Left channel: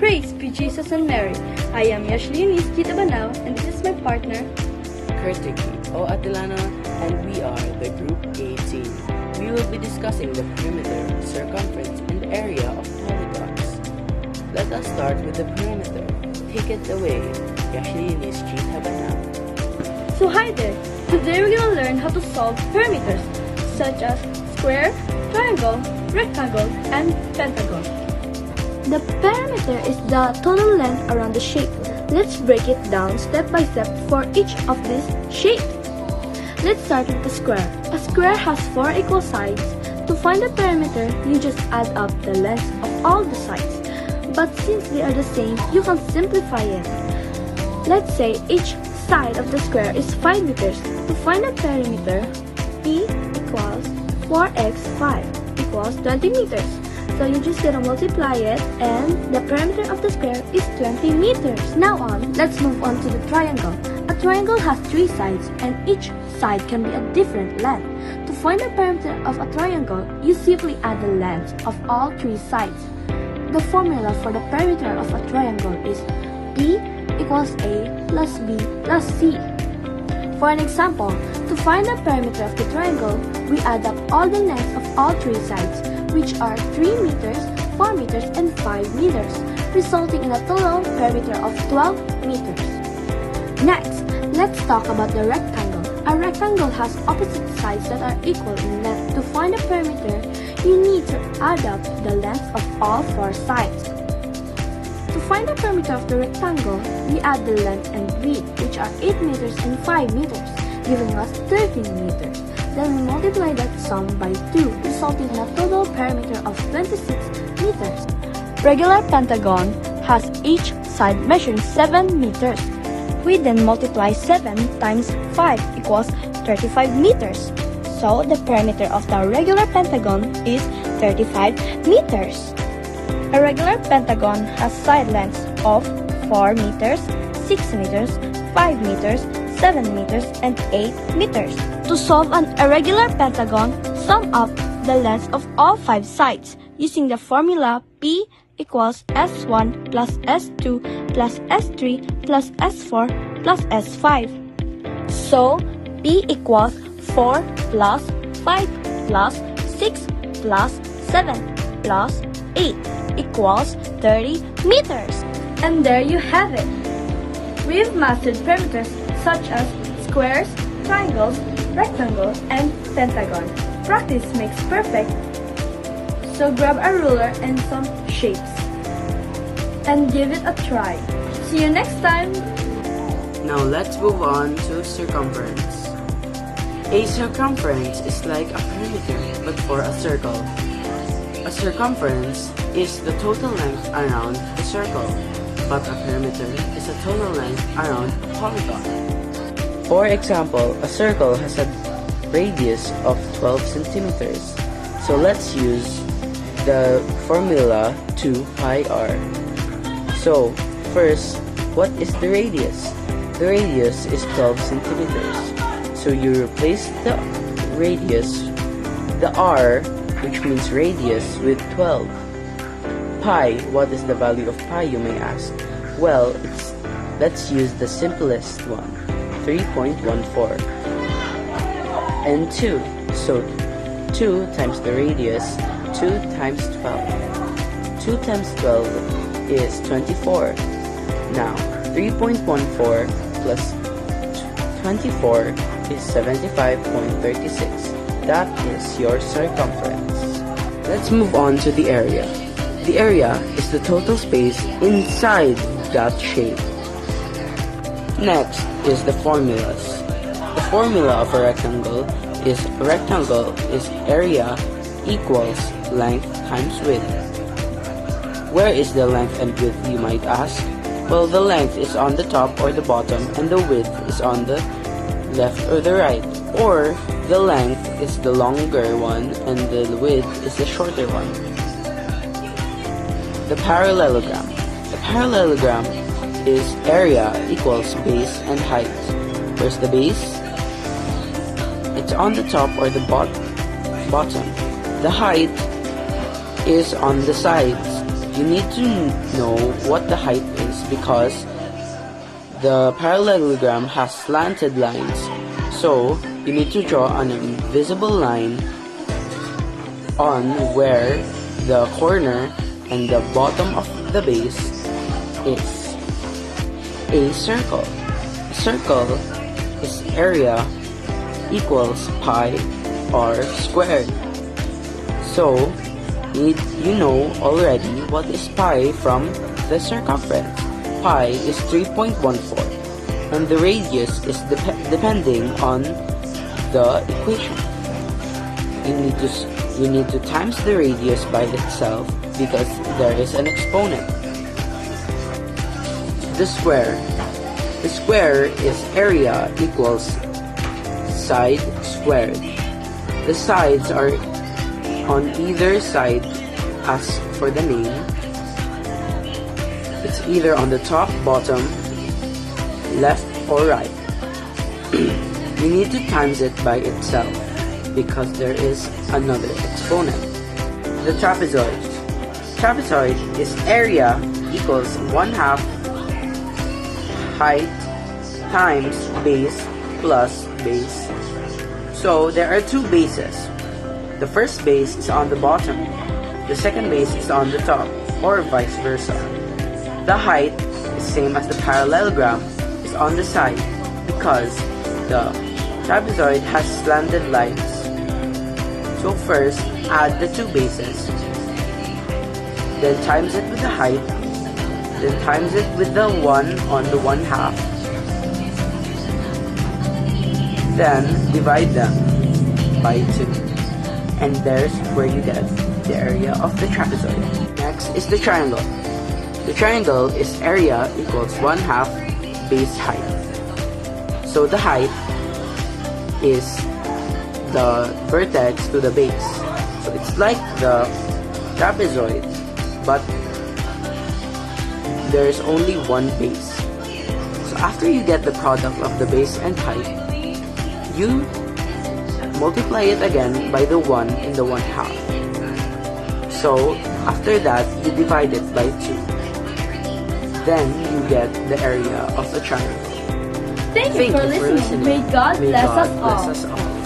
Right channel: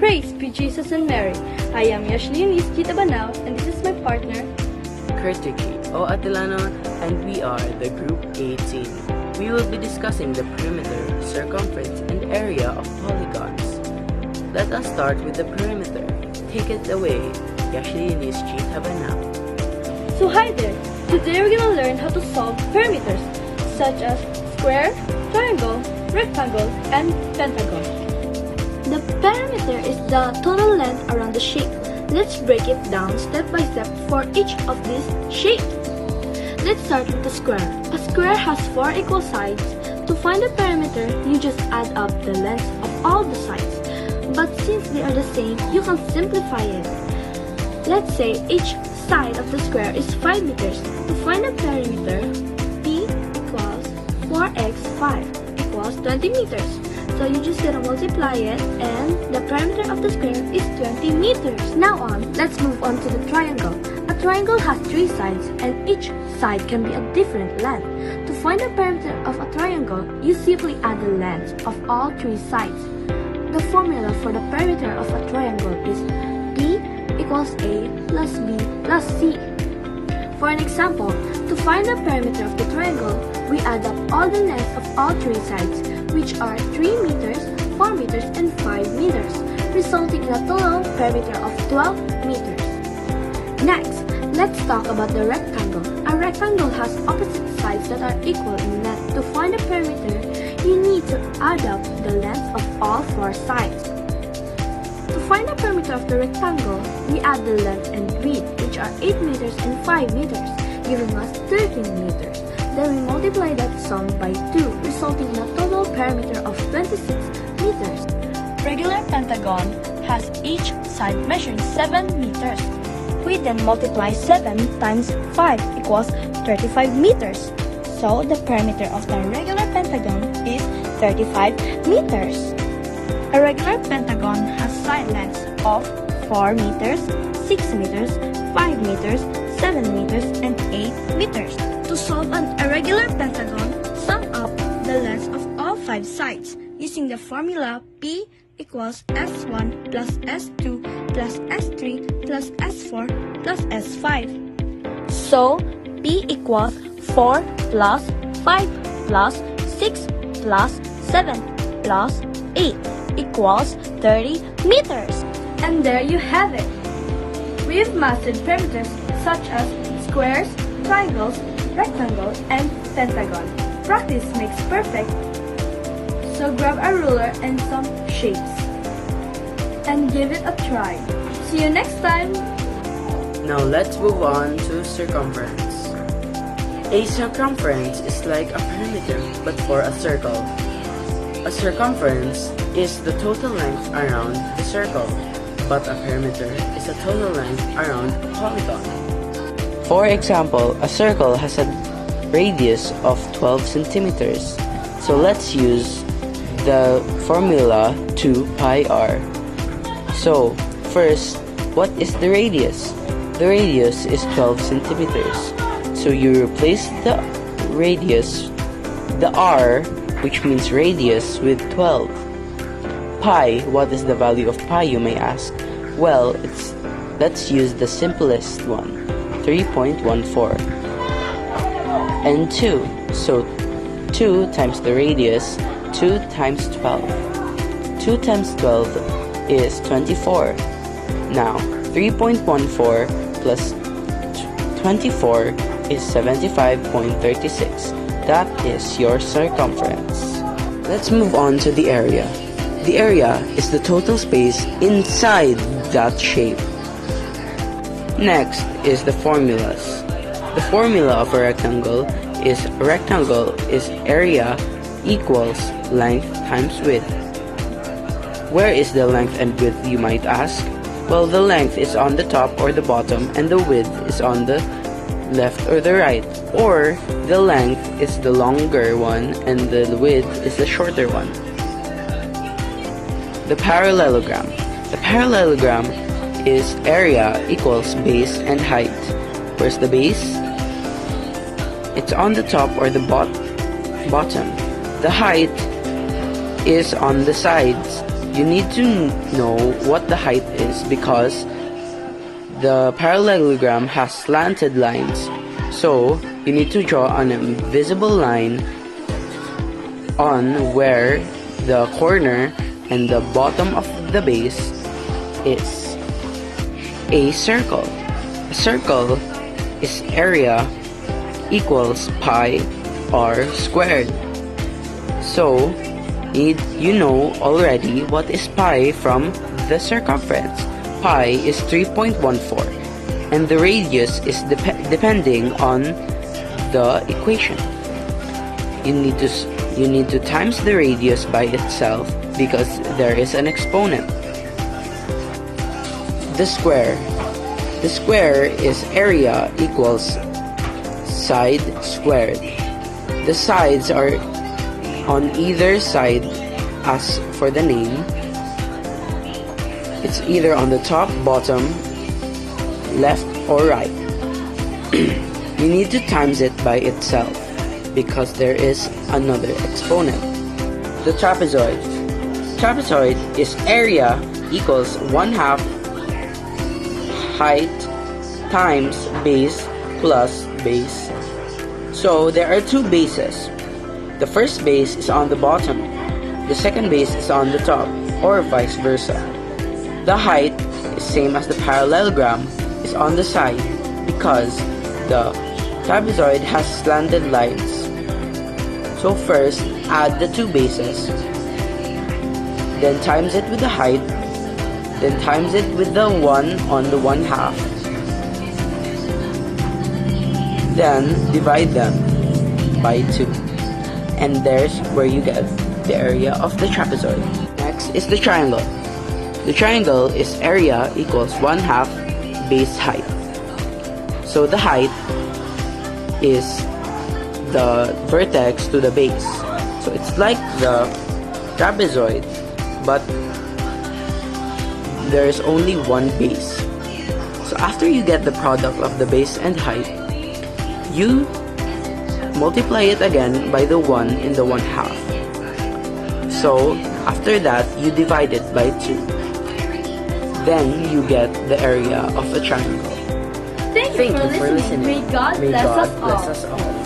Praise be Jesus and Mary. I am Yashlinis Gitabanao, and this is my partner, Kurtuki o Atilano, and we are the Group 18. We will be discussing the perimeter, circumference, and area of polygons. Let us start with the perimeter. Take it away, Yashlinis Gitabanao. So hi there! Today we're gonna learn how to solve perimeters, such as square, triangle, rectangle, and pentagon. The perimeter is the total length around the shape. Let's break it down step by step for each of these shapes. Let's start with the square. A square has 4 equal sides. To find the perimeter, you just add up the length of all the sides. But since they are the same, you can simplify it. Let's say each side of the square is 5 meters. To find the perimeter, P equals 4x 5 equals 20 meters. So you just gonna multiply it, and the perimeter of the square is 20 meters. Now let's move on to the triangle. A triangle has 3 sides, and each side can be a different length. To find the perimeter of a triangle, you simply add the length of all 3 sides. The formula for the perimeter of a triangle is P equals A plus B plus C. For an example, to find the perimeter of the triangle, we add up all the length of all 3 sides, which are 3 meters, 4 meters, and 5 meters, resulting in a total perimeter of 12 meters. Next, let's talk about the rectangle. A rectangle has opposite sides that are equal in length. To find the perimeter, you need to add up the length of all 4 sides. To find the perimeter of the rectangle, we add the length and width, which are 8 meters and 5 meters, giving us 13 meters. Then we multiply that sum by 2, resulting in a total perimeter of 26 meters. Regular pentagon has each side measuring 7 meters. We then multiply 7 times 5 equals 35 meters. So the perimeter of the regular pentagon is 35 meters. A regular pentagon has side lengths of 4 meters, 6 meters, 5 meters, 7 meters, and 8 meters. To solve an irregular pentagon, sum up the lengths of all 5 sides using the formula P equals S1 plus S2 plus S3 plus S4 plus S5. So, P equals 4 plus 5 plus 6 plus 7 plus 8 equals 30 meters. And there you have it. We've mastered perimeters such as squares, triangles, rectangle, and pentagon. Practice makes perfect. So grab a ruler and some shapes and give it a try. See you next time! Now let's move on to circumference. A circumference is like a perimeter, but for a circle. A circumference is the total length around the circle, but a perimeter is a total length around a polygon. For example, a circle has a radius of 12 centimeters. So let's use the formula 2 pi r. So first, what is the radius? The radius is 12 centimeters. So you replace the radius, the r, which means radius, with 12. Pi, what is the value of pi, you may ask? Well, let's use the simplest one. 3.14 and 2, so 2 times the radius, 2 times 12. 2 times 12 is 24. Now 3.14 plus 24 is 75.36. That is your circumference. Let's move on to the area. The area is the total space inside that shape. Next is the formulas. The formula of a rectangle is area equals length times width. Where is the length and width, you might ask? Well, the length is on the top or the bottom, and the width is on the left or the right. Or the length is the longer one and the width is the shorter one. The parallelogram. The parallelogram is area equals base and height. Where's the base? It's on the top or the bottom. The height is on the sides. you need to know what the height is because the parallelogram has slanted lines. So you need to draw an invisible line on where the corner and the bottom of the base is. A circle. A circle is area equals pi r squared. So you know already what is pi from the circumference. Pi is 3.14 and the radius is depending on the equation. You need to times the radius by itself because there is an exponent. The square. The square is area equals side squared. The sides are on either side as for the name. It's either on the top, bottom, left, or right. You need to times it by itself because there is another exponent. The trapezoid. Trapezoid is area equals 1/2 height times base plus base. So there are two bases. The first base is on the bottom. The second base is on the top, or vice versa. The height is same as the parallelogram is on the side because the trapezoid has slanted lines. So first, add the two bases, then times it with the height, then times it with the 1 on the 1/2. Then divide them by 2. And there's where you get the area of the trapezoid. Next is the triangle. The triangle is area equals 1/2 base height. So the height is the vertex to the base. So it's like the trapezoid, but there is only one base. So after you get the product of the base and height, you multiply it again by the 1 in the 1/2. So after that, you divide it by 2. Then you get the area of the triangle. Thank you for listening. May God bless us all. all.